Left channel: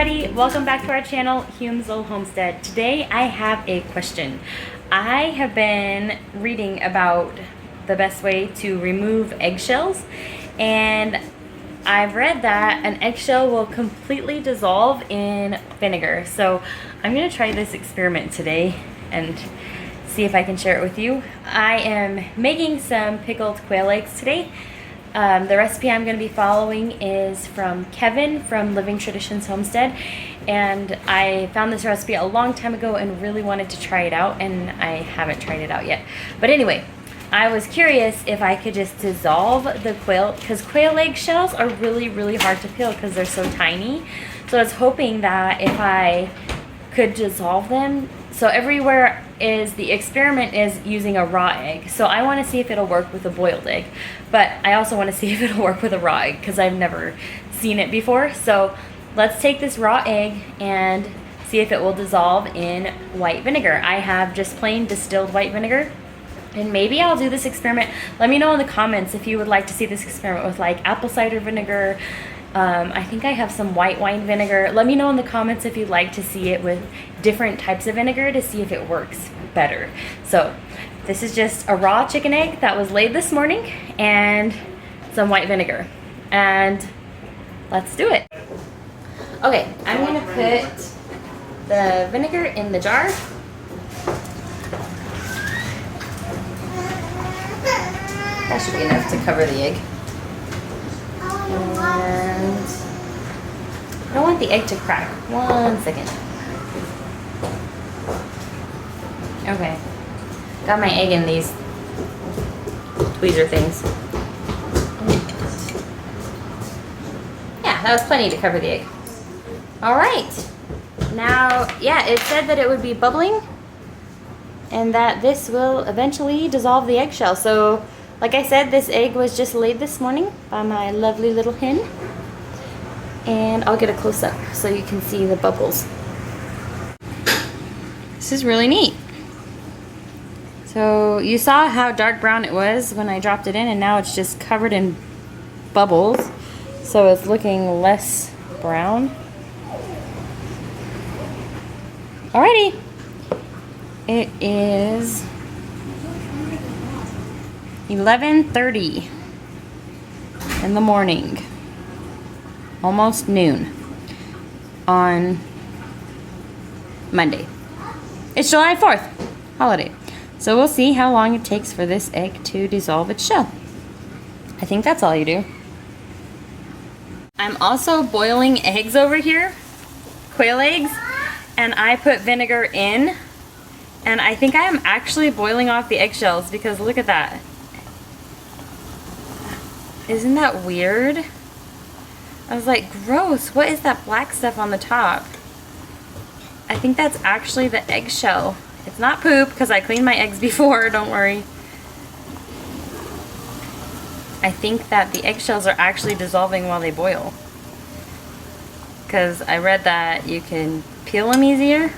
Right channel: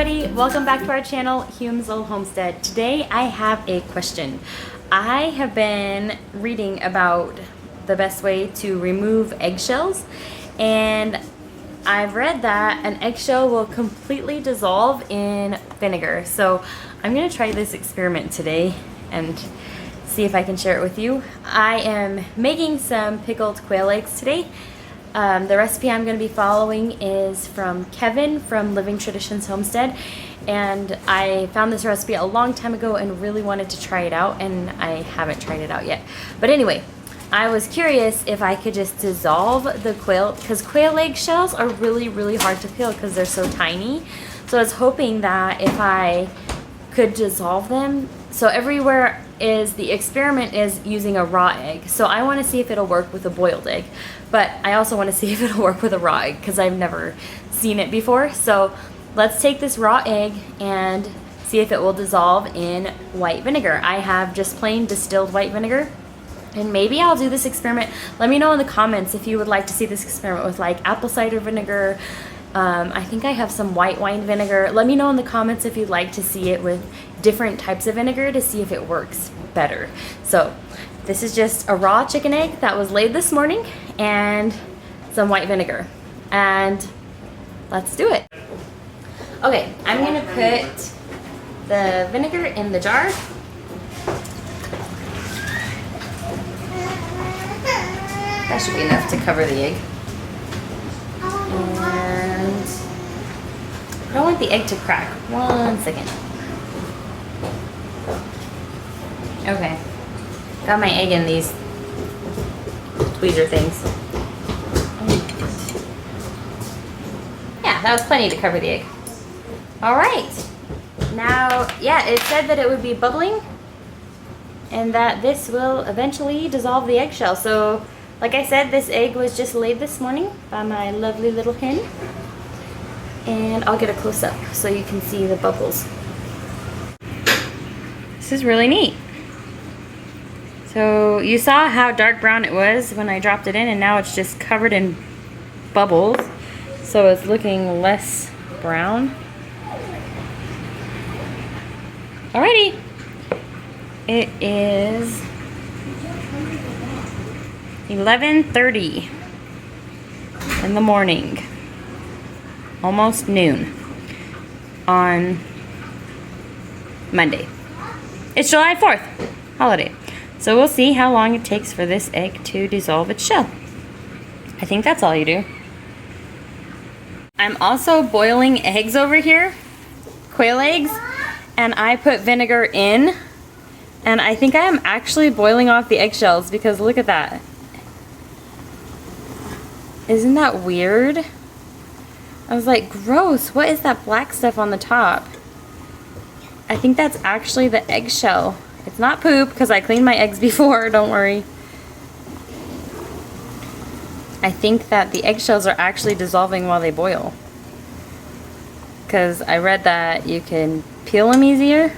everybody, welcome back to our channel, Hume's Old Homestead. Today I have a question. I have been reading about the best way to remove eggshells, and I've read that an eggshell will completely dissolve in vinegar. So I'm going to try this experiment today and see if I can share it with you. I am making some pickled quail eggs today. The recipe I'm going to be following is from Kevin from Living Traditions Homestead, and I found this recipe a long time ago and really wanted to try it out, and I haven't tried it out yet. But anyway, I was curious if I could just dissolve the quail, because quail egg shells are really hard to peel because they're so tiny. So I was hoping that if I could dissolve them, so everywhere is, the experiment is using a raw egg. So I want to see if it'll work with a boiled egg, but I also want to see if it'll work with a raw egg because I've never seen it before. So let's take this raw egg and see if it will dissolve in white vinegar. I have just plain distilled white vinegar, and maybe I'll do this experiment. Let me know in the comments if you would like to see this experiment with like apple cider vinegar. I think I have some white wine vinegar. Let me know in the comments if you'd like to see it with different types of vinegar to see if it works better. So this is just a raw chicken egg that was laid this morning and some white vinegar, and let's do it. Okay, I'm gonna put the vinegar in the jar. That should be enough to cover the egg. And I don't want the egg to crack. 1 second. Okay. Got my egg in these tweezer things. Yeah, that was plenty to cover the egg. Alright. Now, yeah, it said that it would be bubbling and that this will eventually dissolve the eggshell. So, like I said, this egg was just laid this morning by my lovely little hen. And I'll get a close-up so you can see the bubbles. This is really neat. So you saw how dark brown it was when I dropped it in, and now it's just covered in bubbles. So it's looking less brown. Alrighty. It is 11:30 in the morning. Almost noon on Monday. It's July 4th, holiday. So we'll see how long it takes for this egg to dissolve its shell. I think that's all you do. I'm also boiling eggs over here, quail eggs, and I put vinegar in, and I think I am actually boiling off the eggshells because look at that. Isn't that weird? I was like, gross, what is that black stuff on the top? I think that's actually the eggshell. It's not poop because I cleaned my eggs before, don't worry. I think that the eggshells are actually dissolving while they boil. Because I read that you can peel them easier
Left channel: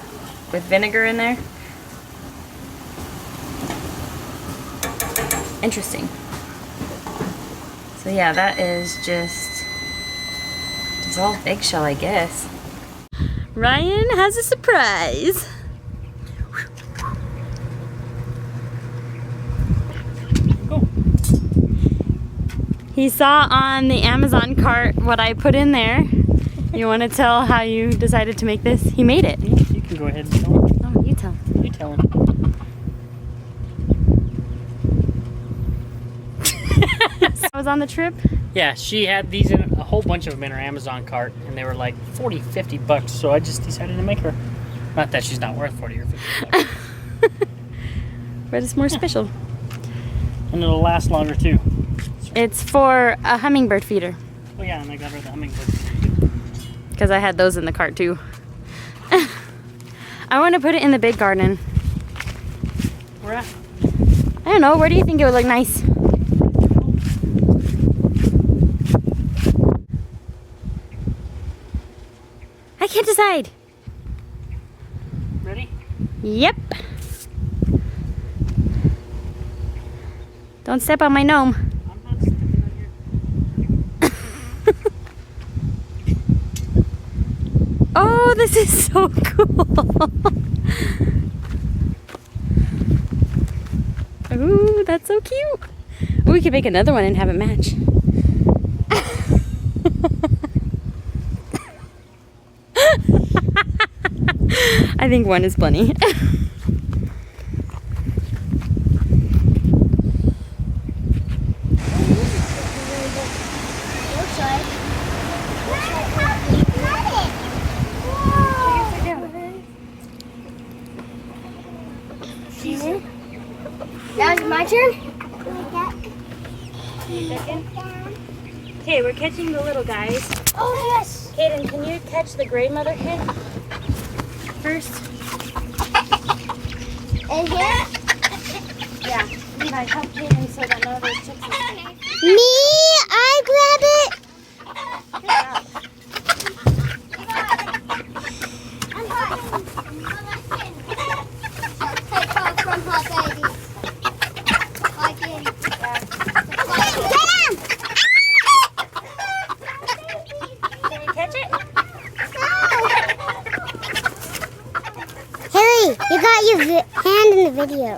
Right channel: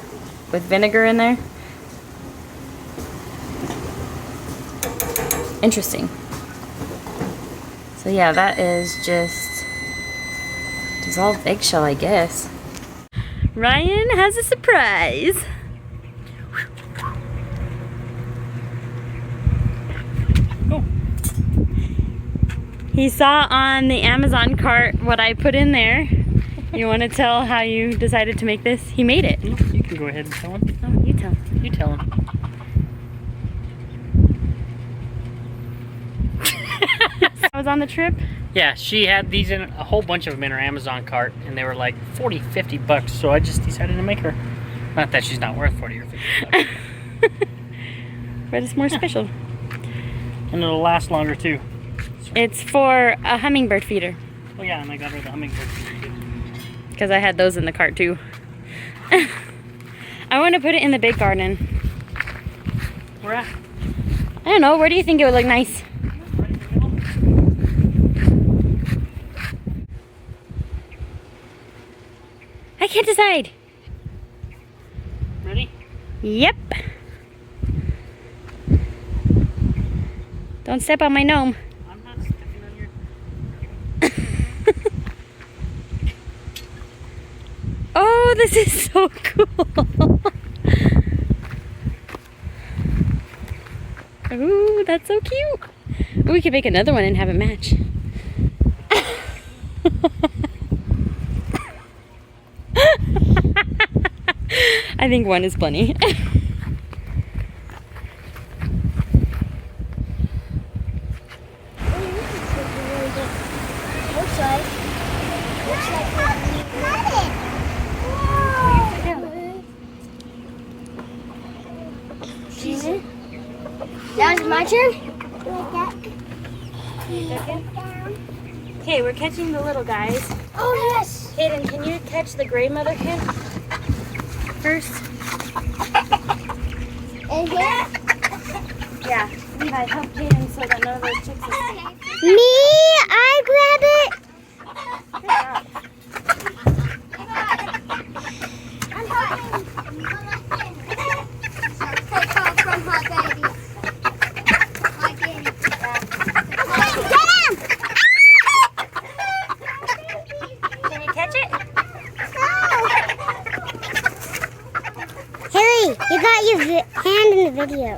with vinegar in there. Interesting. So yeah, that is just dissolved eggshell, I guess. Ryan has a surprise. Go. He saw on the Amazon cart what I put in there. You want to tell how you decided to make this? He made it. You can go ahead and tell him. Oh, you tell him. You tell him. I was on the trip. Yeah, she had these in a whole bunch of them in her Amazon cart, and they were like 40, 50 bucks. So I just decided to make her. Not that she's not worth 40 or 50 bucks. But it's more special. And it'll last longer too. So. It's for a hummingbird feeder. Oh yeah, and I got her the hummingbird feeder too. Because I had those in the cart too. I want to put it in the big garden. Where at? I don't know. Where do you think it would look nice? I can't decide. Ready? Yep. Don't step on my gnome. I'm not stepping on your... this is so cool. Ooh, that's so cute. Ooh, we could make another one and have it match. I think one is plenty. That was my turn? Okay, we're catching the little guys. Oh, yes. Kaden, can you catch the gray mother kid first? And here? Yeah. Levi, help Kaden so that none of those chicks are... Me? I grab it. Good job. I'm hot. Take off from hot baby. Can you catch it? Haley, you got your hand in the video.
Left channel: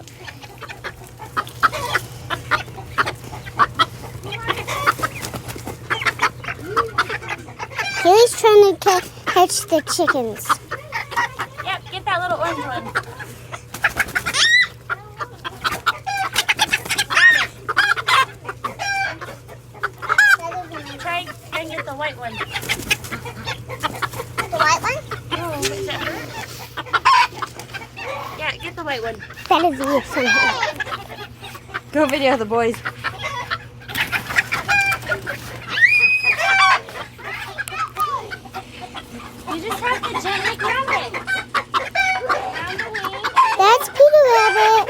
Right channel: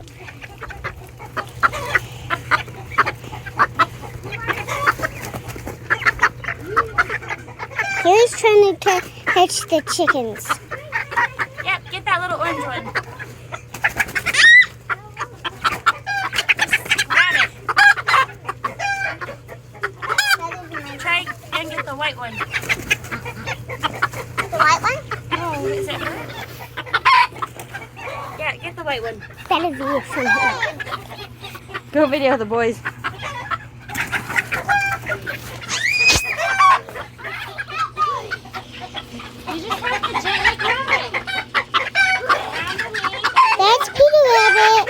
Haley's trying to catch the chickens. Yep, get that little orange one. Got it. Try and get the white one. The white one? No, what is it? Yeah, get the white one. That is you from here. Go video the boys. You just have to gently grab it. That's Peter Rabbit.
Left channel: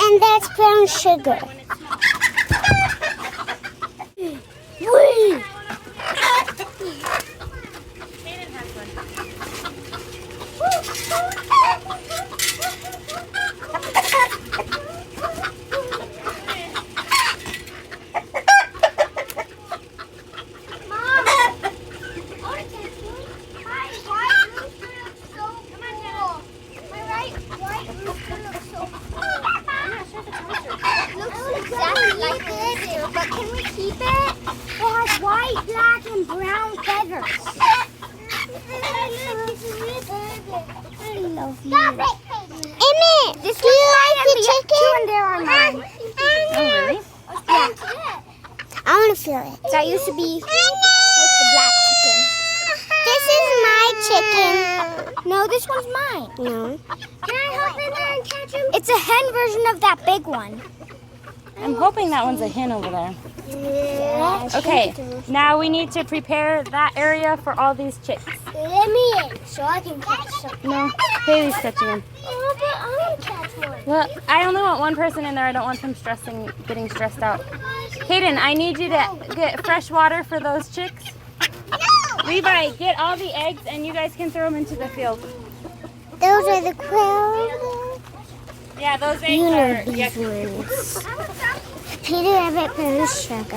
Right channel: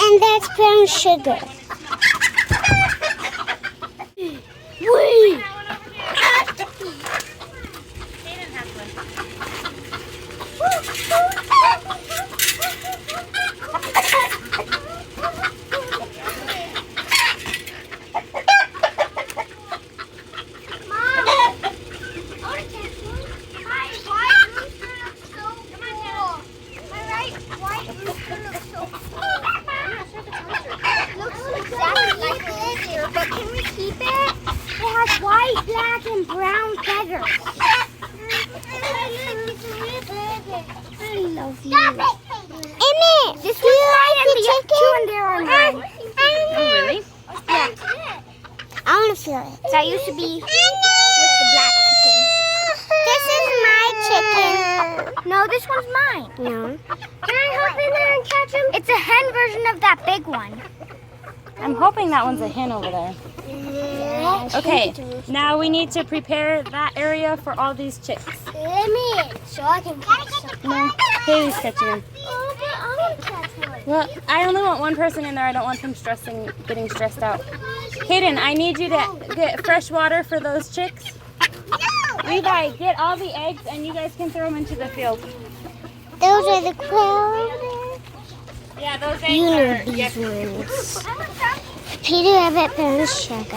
And that's brown sugar. Whee! But can we keep it? It has white, black, and brown feathers. I love you. Emmett, do you like the chicken? Oh, really? Yeah. I want to feel it. That used to be with the black chicken. This is my chicken. No, this one's mine. No. Can I hop in there and catch him? It's a hen version of that big one. I'm hoping that one's a hen over there. Yeah, Okay, now we need to prepare that area for all these chicks. Let me in so I can catch some. No, Haley's catching them. No, but I want to catch one. Well, I only want one person in there. I don't want them getting stressed out. Hayden, I need you to get fresh water for those chicks. Levi, get all the eggs and you guys can throw them into the field. Those are the quails. Yeah, those eggs You know are... these Yeah. ones. Peter Rabbit, brown sugar. I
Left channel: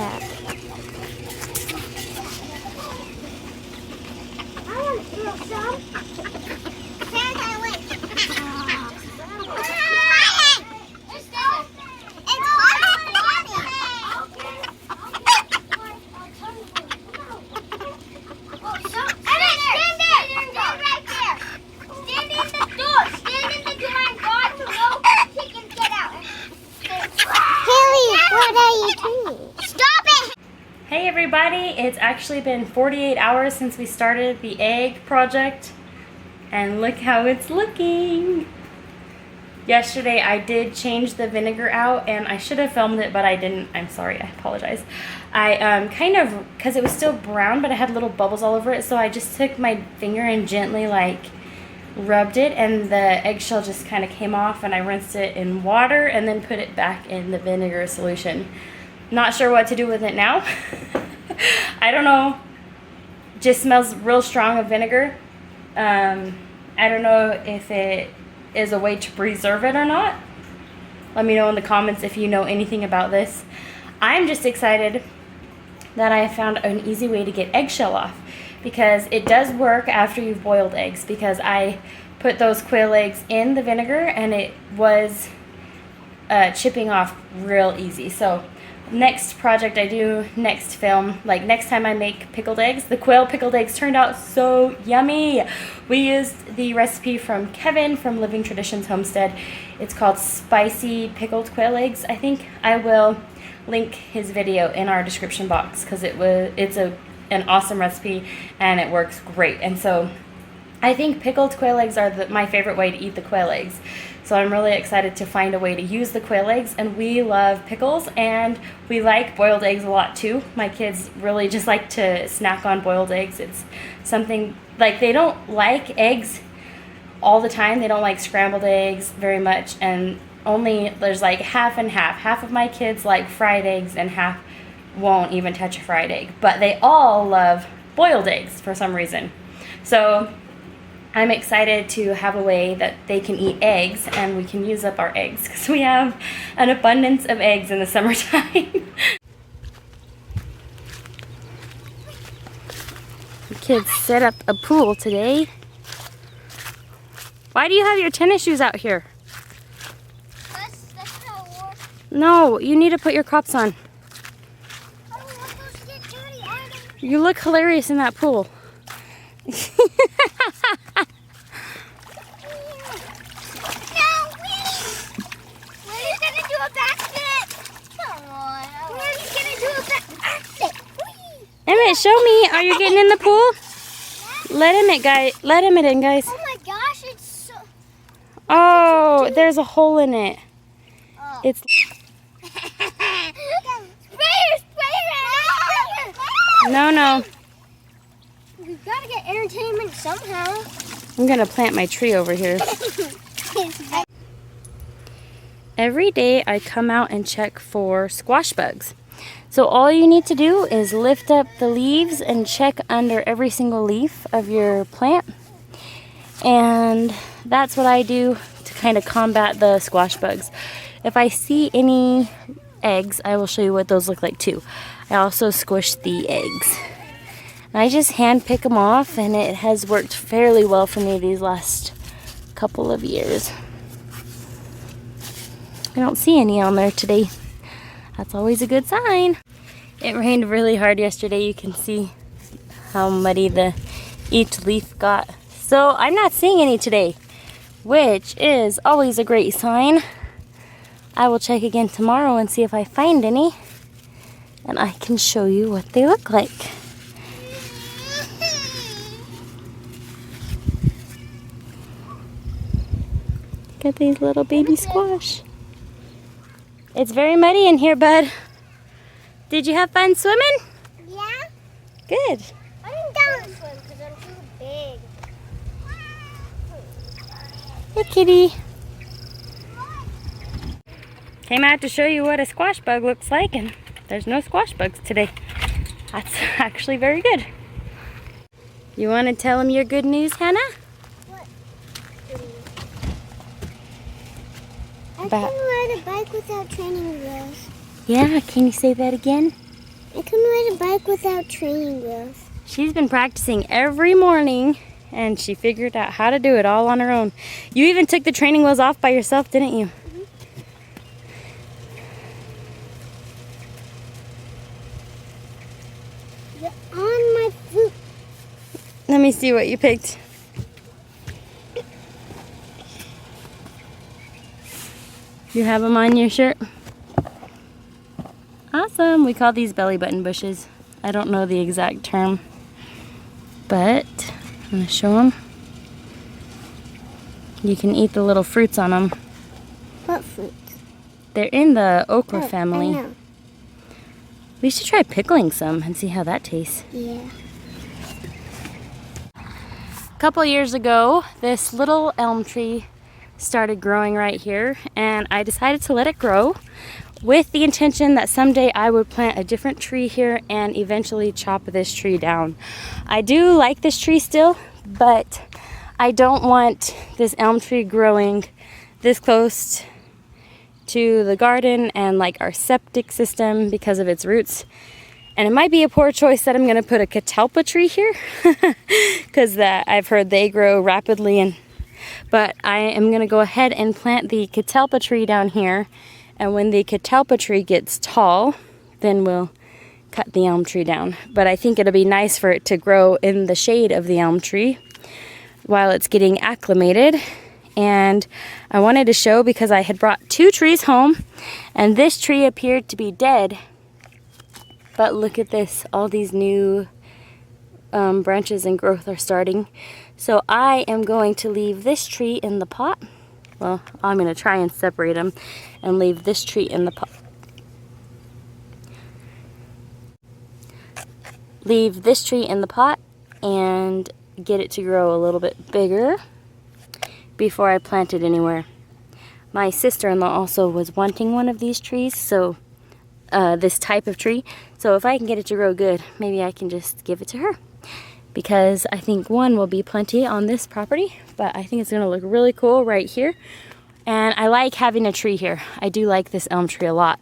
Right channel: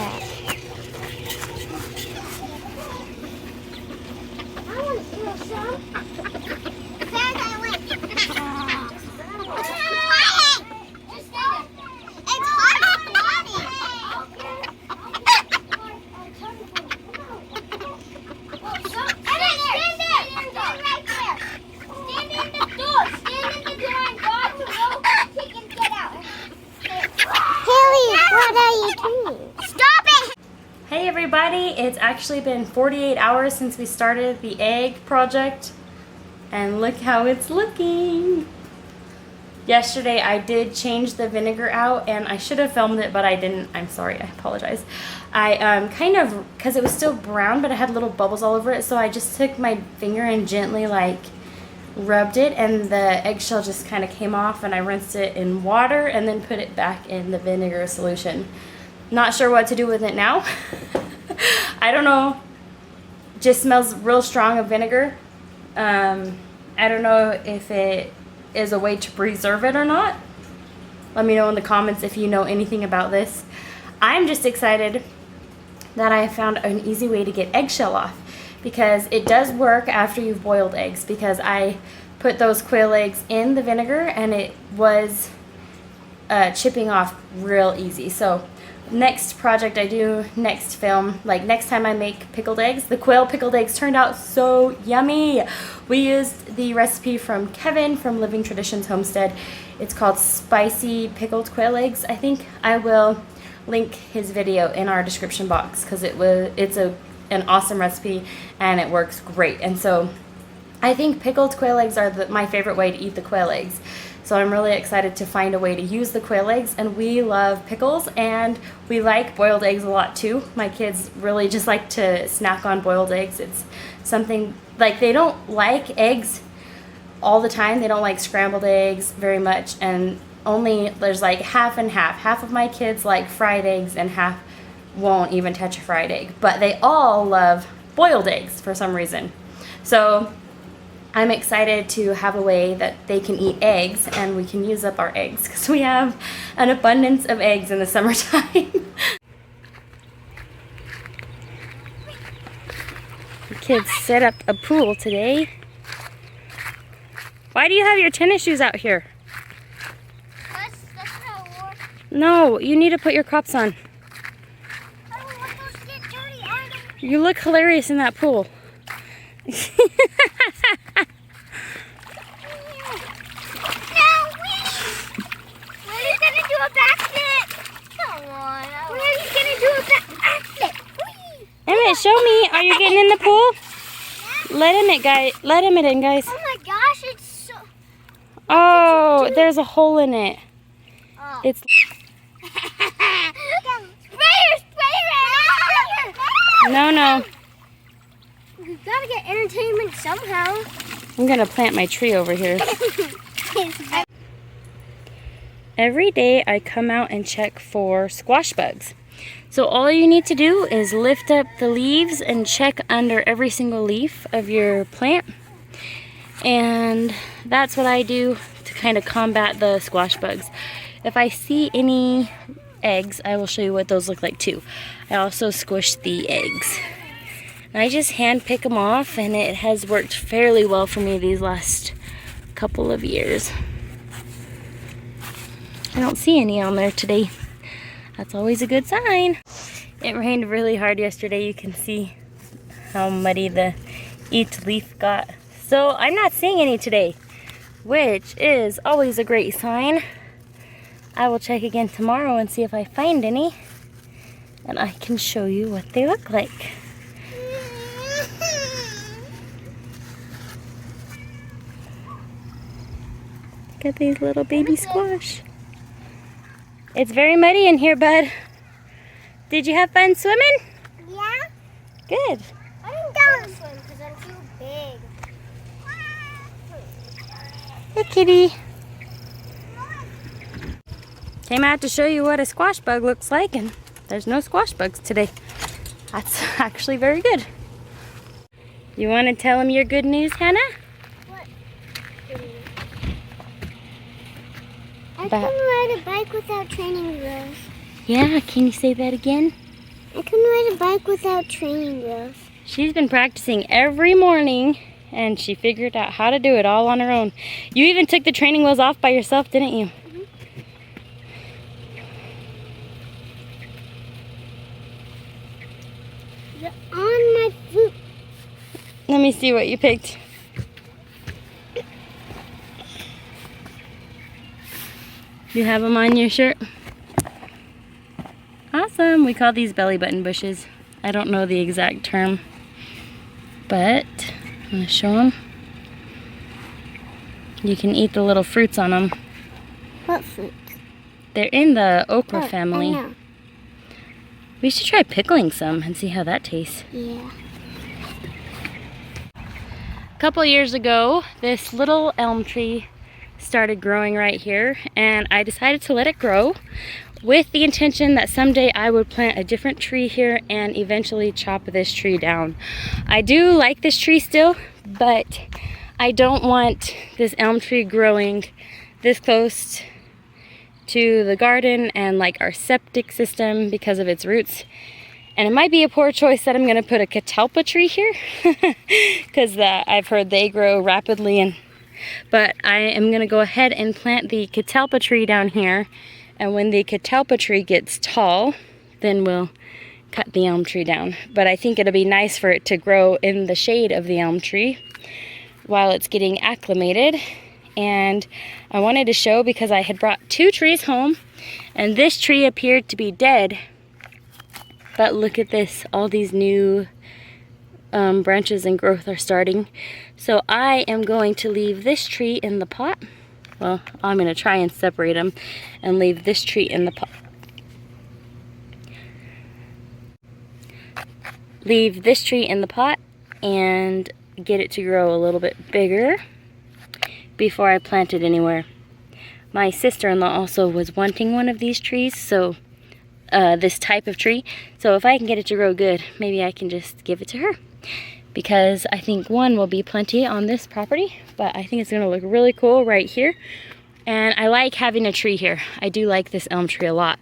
want to feel some. What are you doing? Stop it! Hey everybody, it's actually been 48 hours since we started the egg project and look how it's looking. Yesterday I did change the vinegar out and I should have filmed it but I didn't. I'm sorry, I apologize. I kind of, because it was still brown but it had little bubbles all over it, so I just took my finger and gently like rubbed it and the eggshell just kind of came off, and I rinsed it in water and then put it back in the vinegar solution. Not sure what to do with it now. I don't know. Just smells real strong of vinegar. I don't know if it is a way to preserve it or not. Let me know in the comments if you know anything about this. I'm just excited that I found an easy way to get eggshell off, because it does work after you've boiled eggs, because I put those quail eggs in the vinegar and it was chipping off real easy. So next project I do, next film, like next time I make pickled eggs, the quail pickled eggs turned out so yummy. We used the recipe from Kevin from Living Traditions Homestead. It's called spicy pickled quail eggs. I think I will link his video in our description box, because it's an awesome recipe and it works great. And so I think pickled quail eggs are my favorite way to eat the quail eggs. So I'm really excited to find a way to use the quail eggs, and we love pickles and we like boiled eggs a lot too. My kids really just like to snack on boiled eggs. It's something, like, they don't like eggs all the time. They don't like scrambled eggs very much, and only there's like half and half. Half of my kids like fried eggs and half won't even touch a fried egg, but they all love boiled eggs for some reason. So I'm excited to have a way that they can eat eggs and we can use up our eggs, because we have an abundance of eggs in the summertime. The kids set up a pool today. Why do you have your tennis shoes out here? That's how it works. No, you need to put your Crocs on. I don't want those to get dirty. You look hilarious in that pool. Emmett, show me. Are you getting in the pool? Let Emmett in, guys. Oh my gosh, it's so... Oh, there's a hole in it. Oh. It's... Sprayer! No. We've got to get entertainment somehow. I'm going to plant my tree over here. Every day I come out and check for squash bugs. So all you need to do is lift up the leaves and check under every single leaf of your plant. And that's what I do to kind of combat the squash bugs. If I see any eggs, I will show you what those look like too. I also squish the eggs. I just hand pick them off, and it has worked fairly well for me these last couple of years. I don't see any on there today. That's always a good sign. It rained really hard yesterday. You can see how muddy each leaf got. So I'm not seeing any today, which is always a great sign. I will check again tomorrow and see if I find any, and I can show you what they look like. Look at these little baby squash. It's very muddy in here, bud. Did you have fun swimming? Yeah. Good. I'm down to swim because I'm too big. Look, kitty. Came out to show you what a squash bug looks like, and there's no squash bugs today. That's actually very good. You want to tell them your good news, Hannah? What? I can ride a bike without training wheels. Yeah, can you say that again? I can ride a bike without training wheels. She's been practicing every morning, and she figured out how to do it all on her own. You even took the training wheels off by yourself, didn't you? Mm-hmm. You're on my foot. Let me see what you picked. You have them on your shirt? Awesome. We call these belly button bushes. I don't know the exact term, but I'm going to show them. You can eat the little fruits on them. What fruit? They're in the okra family. I know. We should try pickling some and see how that tastes. Yeah. A couple years ago, this little elm tree started growing right here, and I decided to let it grow with the intention that someday I would plant a different tree here and eventually chop this tree down. I do like this tree still, but I don't want this elm tree growing this close to the garden and like our septic system because of its roots. And it might be a poor choice that I'm going to put a catalpa tree here because I've heard they grow rapidly. But I am going to go ahead and plant the catalpa tree down here. And when the catalpa tree gets tall, then we'll cut the elm tree down. But I think it'll be nice for it to grow in the shade of the elm tree while it's getting acclimated. And I wanted to show because I had brought 2 trees home and this tree appeared to be dead. But look at this, all these new branches and growth are starting. So I am going to leave this tree in the pot. Well, I'm going to try and separate them and leave this tree in the pot. Leave this tree in the pot and get it to grow a little bit bigger before I plant it anywhere. My sister-in-law also was wanting one of these trees, so this type of tree. So if I can get it to grow good, maybe I can just give it to her. Because I think one will be plenty on this property, but I think it's going to look really cool right here. And I like having a tree here. I do like this elm tree a lot,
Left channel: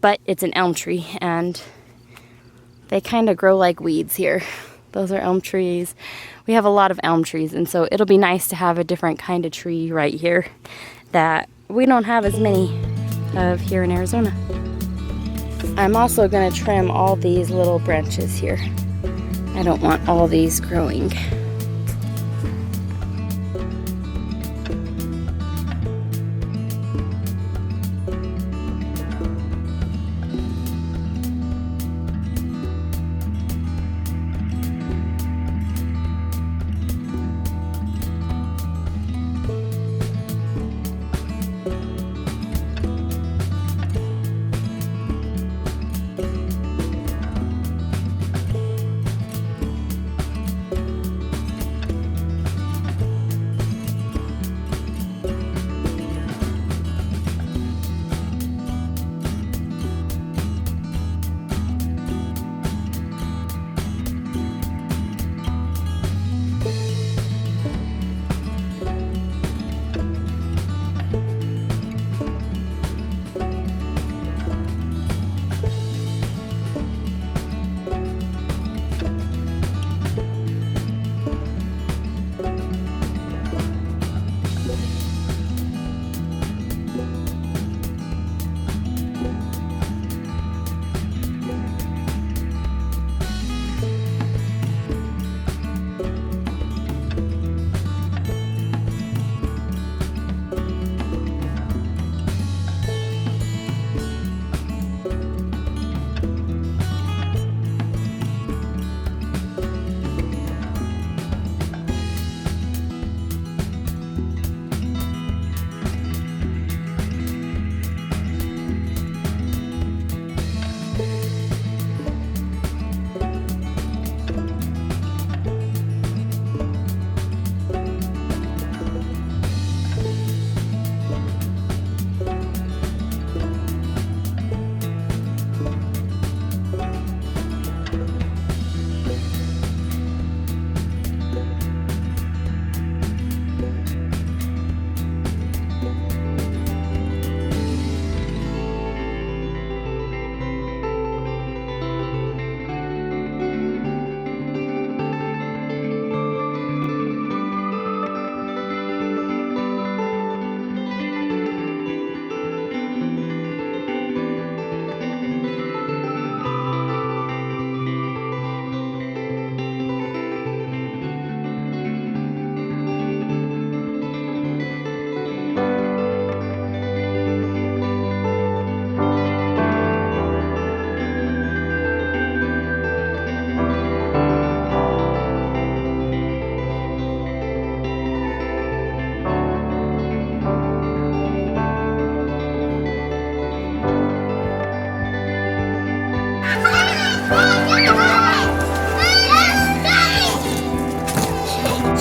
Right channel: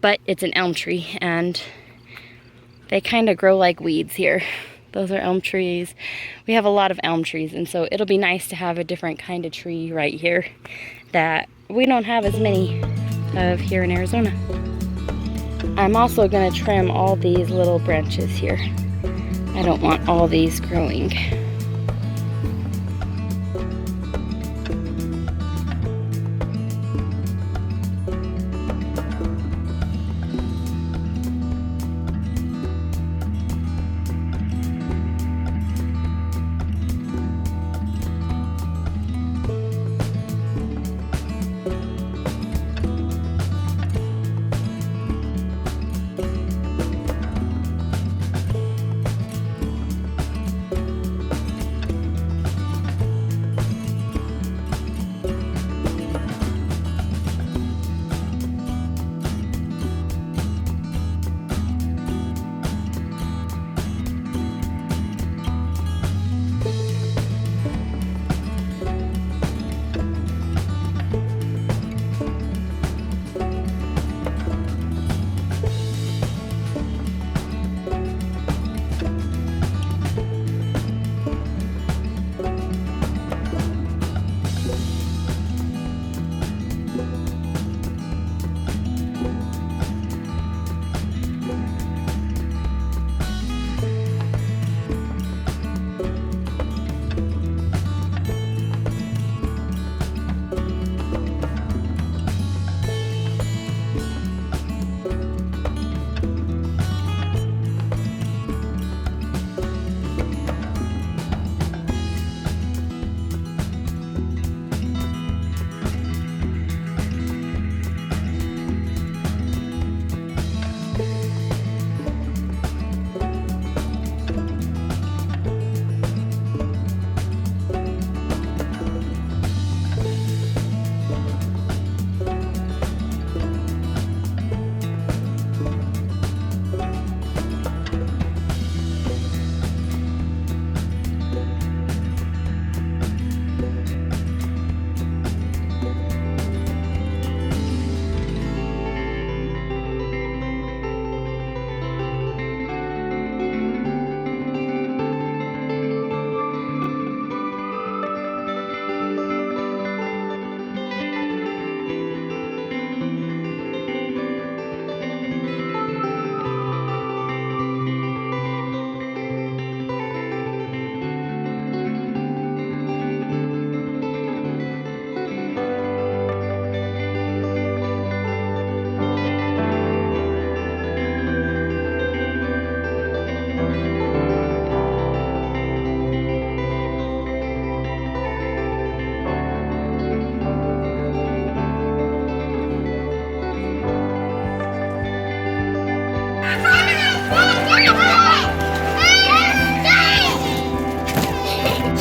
but it's an elm tree and they kind of grow like weeds here. Those are elm trees. We have a lot of elm trees, and so it'll be nice to have a different kind of tree right here that we don't have as many of here in Arizona. I'm also going to trim all these little branches here. I don't want all these growing.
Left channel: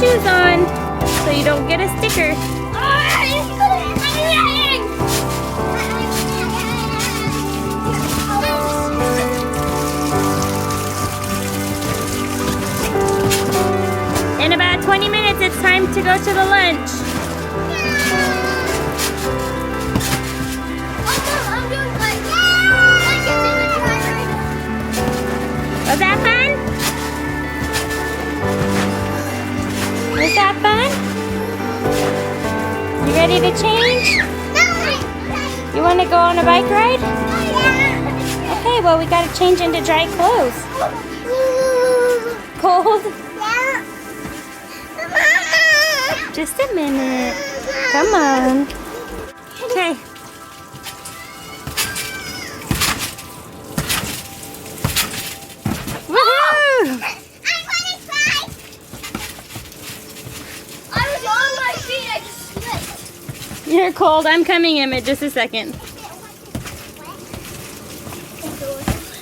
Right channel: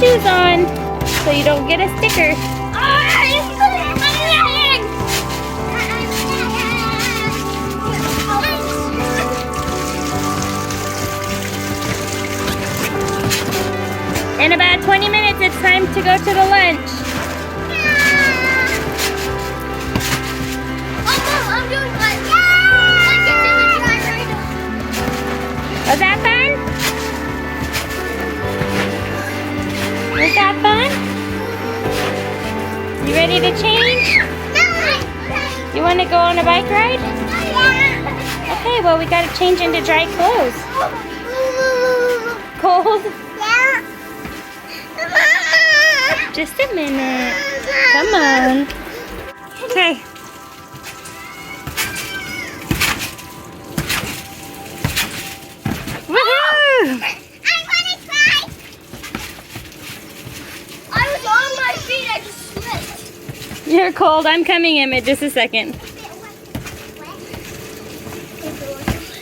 Shoes on so you don't get a sticker. In about 20 minutes, it's time to go to the lunch. Was that fun? Was that fun? You ready to change? You want to go on a bike ride? Okay, well we got to change into dry clothes. Cold? Just a minute. Come on. Okay. Woohoo! I'm gonna cry. I was on my feet. I just slipped. You're cold. I'm coming, Emmett. Just a second.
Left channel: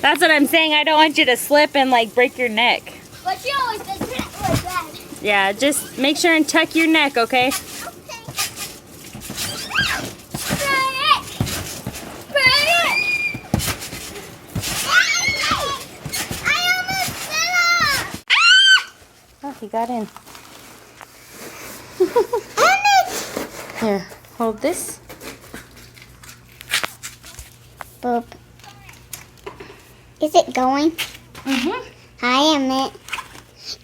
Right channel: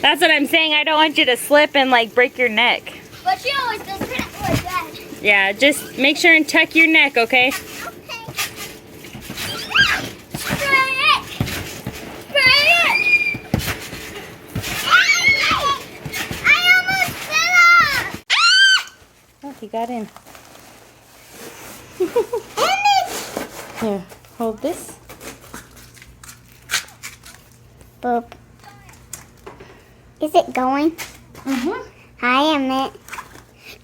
That's what I'm saying. I don't want you to slip and like break your neck. But she always does it like that. Yeah, just make sure and tuck your neck, okay? Oh, he got in. Here, hold this. Boop. Is it going? Mm-hmm. Hi, Emmett.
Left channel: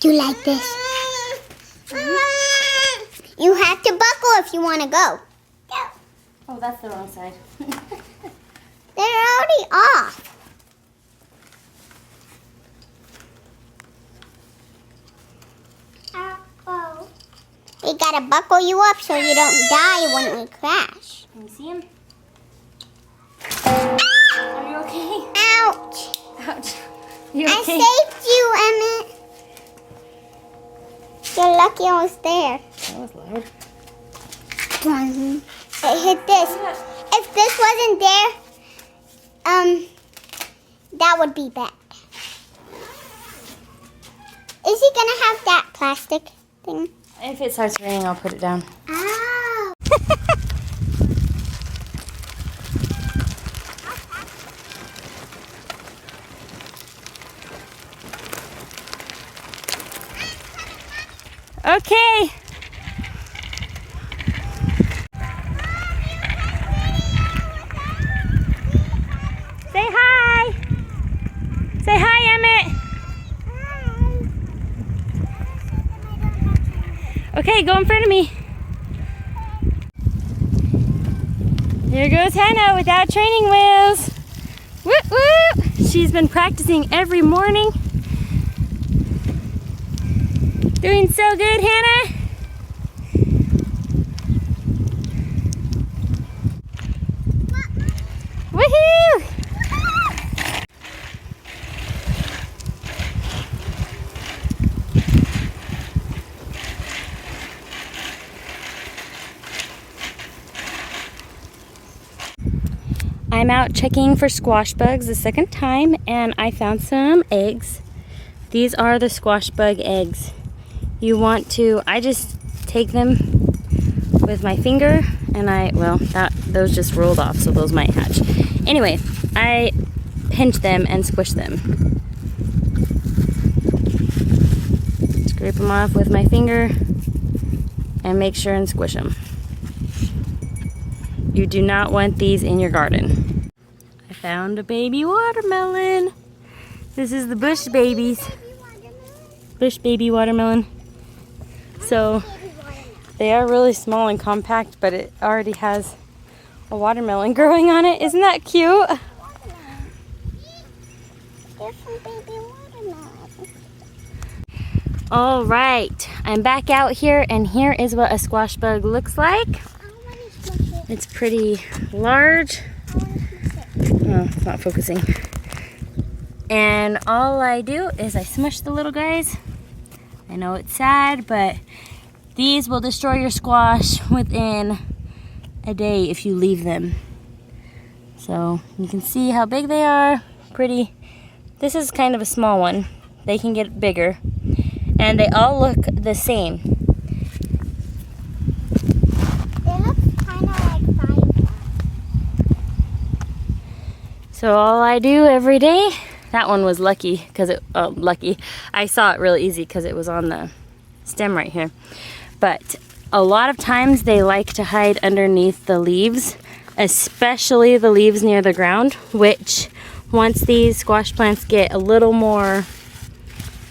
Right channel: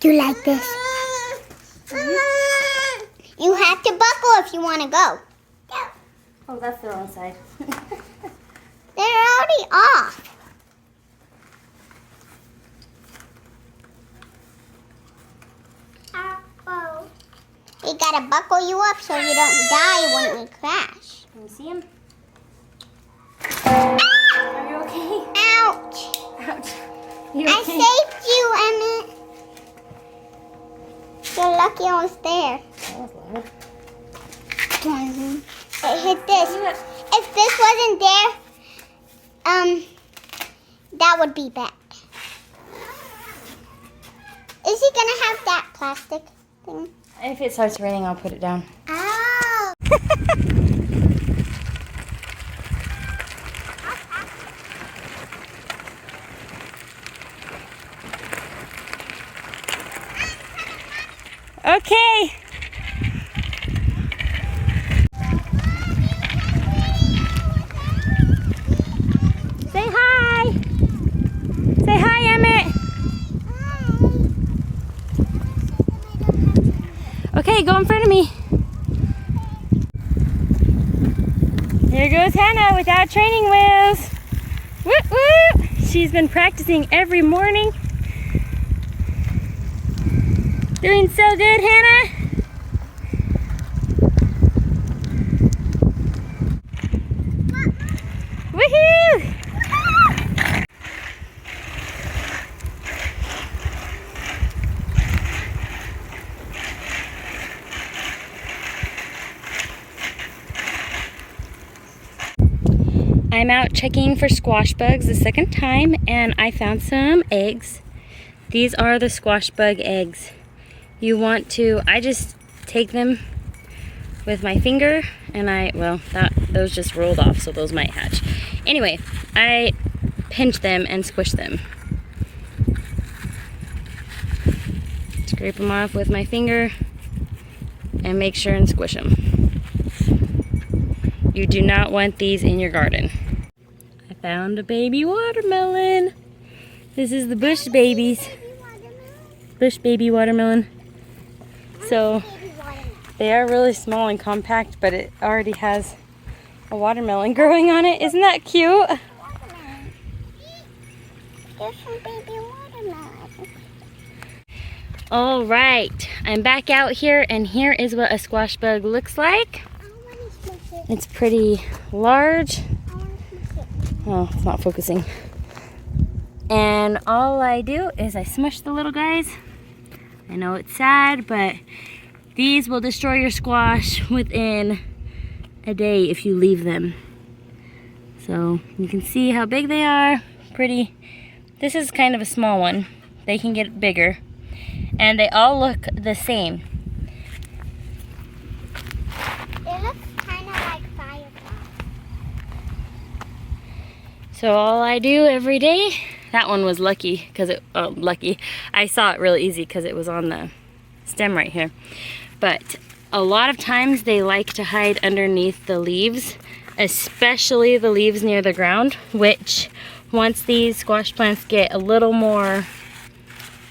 Do you like this? You have to buckle if you want to go. Oh, that's the wrong side. They're already off. They gotta buckle you up so you don't die when you crash. Can you see him? Are you okay? Ouch! Ouch. You I okay? saved you, Emmett. You're lucky I was there. That was loud. It hit this. If this wasn't there, that would be bad. Is he gonna have that plastic thing? If it starts raining, I'll put it down. Oh. Okay. Say hi. Say hi, Emmett. Okay, go in front of me. Here goes Hannah without training wheels. Whoop, whoop. She's been practicing every morning. Doing so good, Hannah. Woohoo! I'm out checking for squash bugs the second time, and I found some eggs. These are the squash bug eggs. You want to, I just take them with my finger, and those just rolled off, so those might hatch. Anyway, I pinch them and squish them. Scrape them off with my finger and make sure and squish them. You do not want these in your garden. I found a baby watermelon. This is the bush babies. Bush baby watermelon. So they are really small and compact, but it already has a watermelon growing on it. Isn't that cute? There's some baby watermelon. All right, I'm back out here, and here is what a squash bug looks like. It's pretty large. Oh, it's not focusing. And all I do is I smush the little guys. I know it's sad, but these will destroy your squash within a day if you leave them. So you can see how big they are. Pretty. This is kind of a small one. They can get bigger. And they all look the same. They look kind of like fireflies. So all I do every day, that one was lucky because I saw it really easy because it was on the stem right here. But a lot of times they like to hide underneath the leaves, especially the leaves near the ground, which once these squash plants get a little more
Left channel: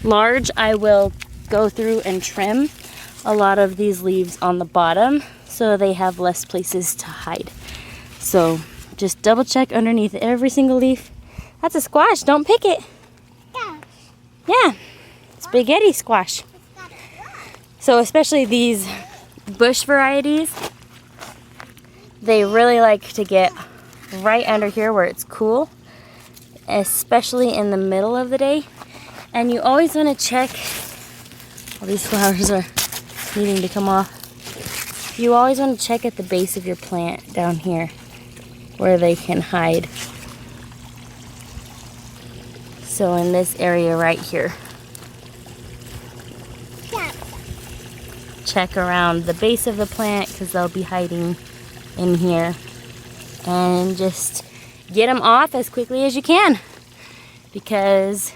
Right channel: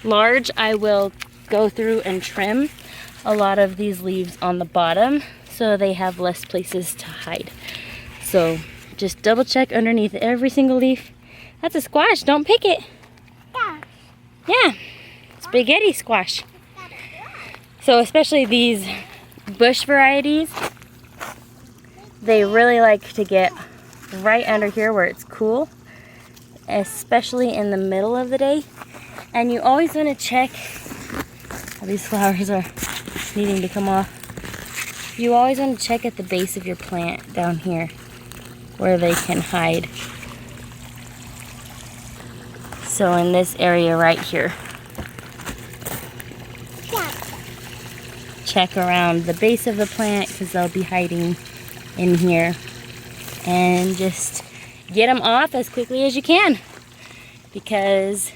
large, I will go through and trim a lot of these leaves on the bottom so they have less places to hide. So just double check underneath every single leaf. That's a squash, don't pick it. Yeah, spaghetti squash. So especially these bush varieties, they really like to get right under here where it's cool, especially in the middle of the day. And you always want to check, all these flowers are needing to come off. You always want to check at the base of your plant down here where they can hide. So in this area right here, check around the base of the plant because they'll be hiding in here, and just get them off as quickly as you can, because,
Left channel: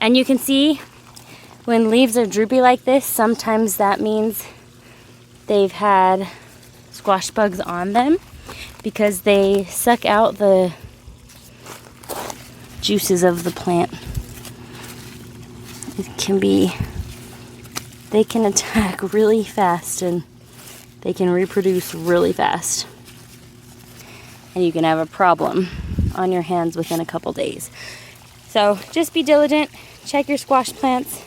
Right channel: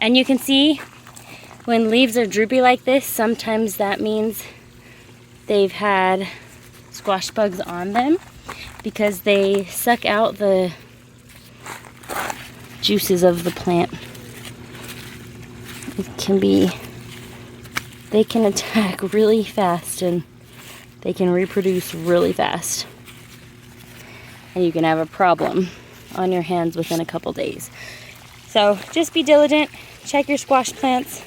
and you can see when leaves are droopy like this, sometimes that means they've had squash bugs on them because they suck out the juices of the plant. It can be, they can attack really fast and they can reproduce really fast. And you can have a problem on your hands within a couple days. So just be diligent, check your squash plants.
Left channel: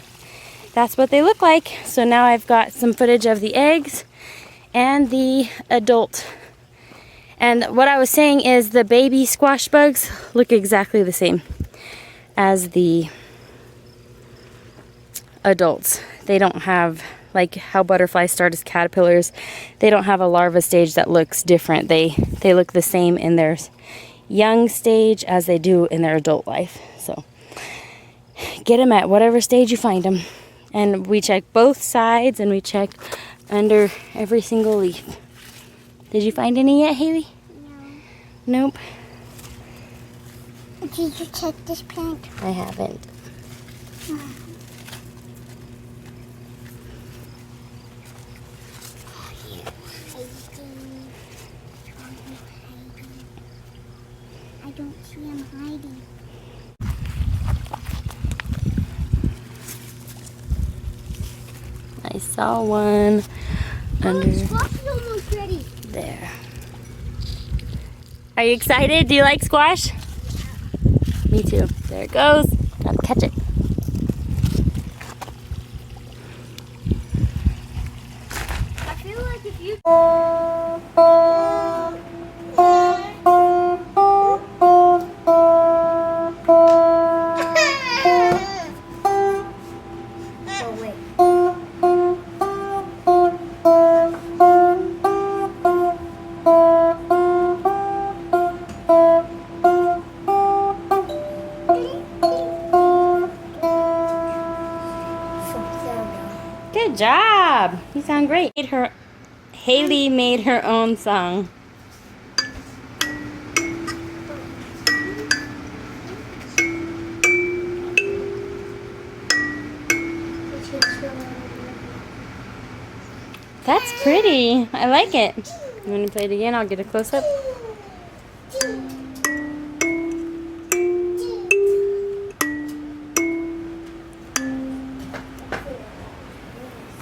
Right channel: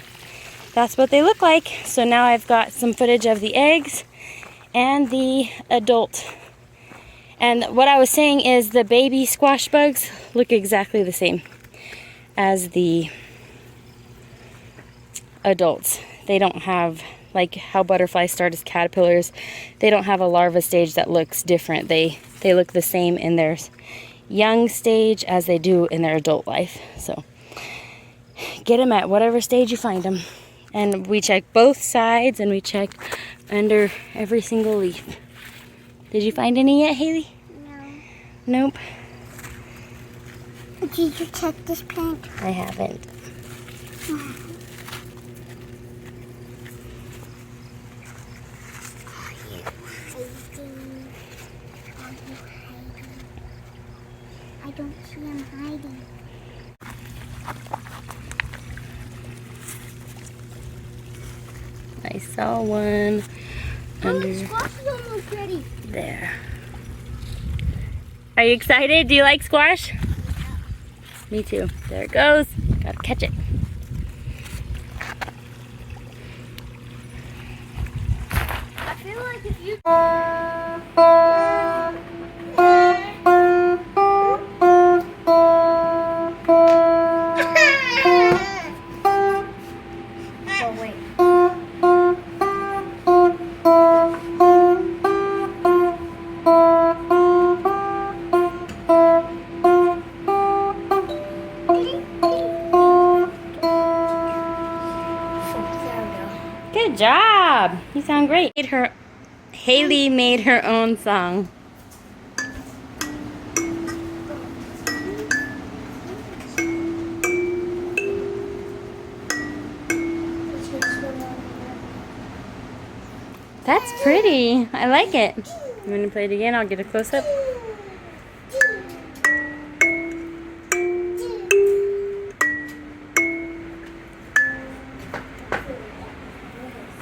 That's what they look like. So now I've got some footage of the eggs and the adult. And what I was saying is the baby squash bugs look exactly the same as the adults. They don't have, like how butterflies start as caterpillars, they don't have a larva stage that looks different. They look the same in their young stage as they do in their adult life. So get them at whatever stage you find them. And we check both sides and we check under every single leaf. Did you find any yet, Haley? No. Nope. Did you check this plant? I haven't. I don't see him hiding. I saw one under Pretty. there. Are you excited? Do you like squash? Me too. There it goes. Gotta catch it. I feel like if you... Good job. You sound great. Haley made her own song. That's pretty. I like it. You want to play it again? I'll get a close-up.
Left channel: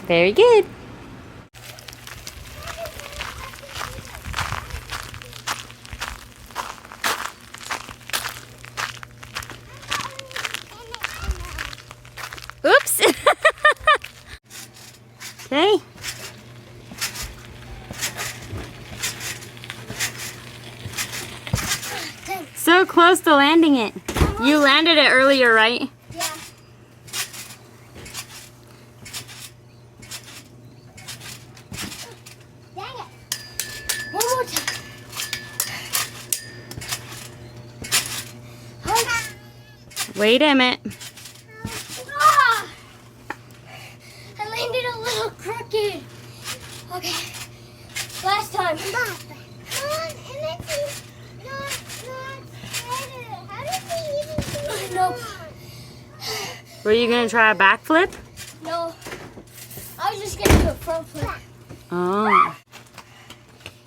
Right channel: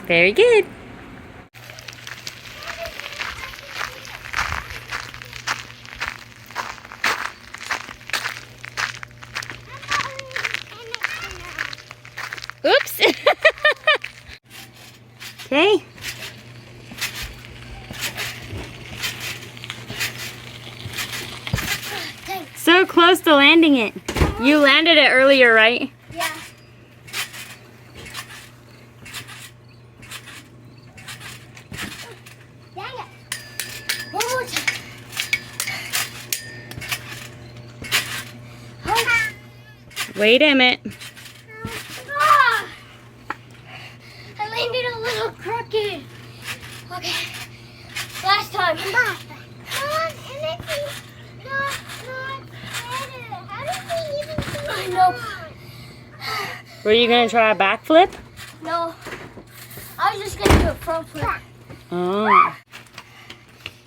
Very good. Oops. Okay. So close to landing it. You landed it earlier, right? Yeah. Dang it. One more time. Wait a minute. Ah! I landed a little crooked. Okay. Last time. Come on, and it's not better. How did we even do it? Nope. Were you gonna try a backflip? No. I was just gonna do a front flip. Oh.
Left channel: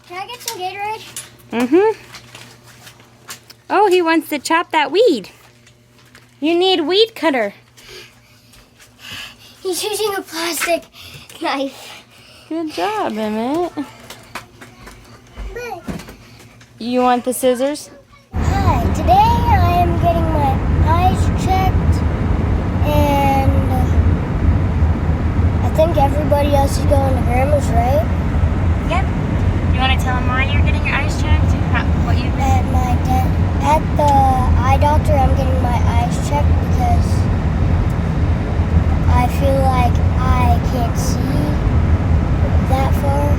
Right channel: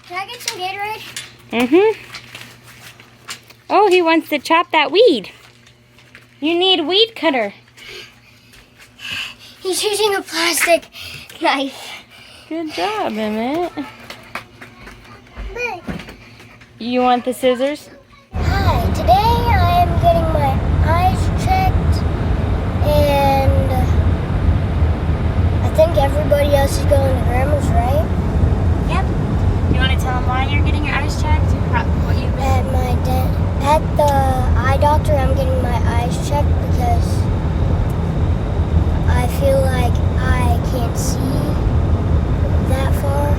Can I get some Gatorade? Mm-hmm. Oh, he wants to chop that weed. You need weed cutter. He's using a plastic knife. Good job, Emmett. You want the scissors? Hi, today I am getting my eyes checked, and I think everybody else is going to Grandma's, right? Yep. You want to tell him why you're getting your eyes checked? What you've been... At the eye doctor, I'm getting my eyes checked because I feel like I can't see that far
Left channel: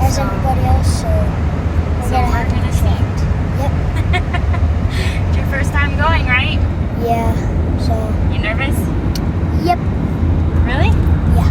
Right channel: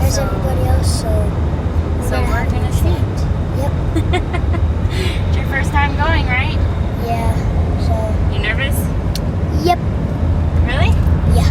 as everybody else, so we're gonna have to get checked. Yep. It's your first time going, right? Yeah. So. You nervous? Yep. Really? Yeah.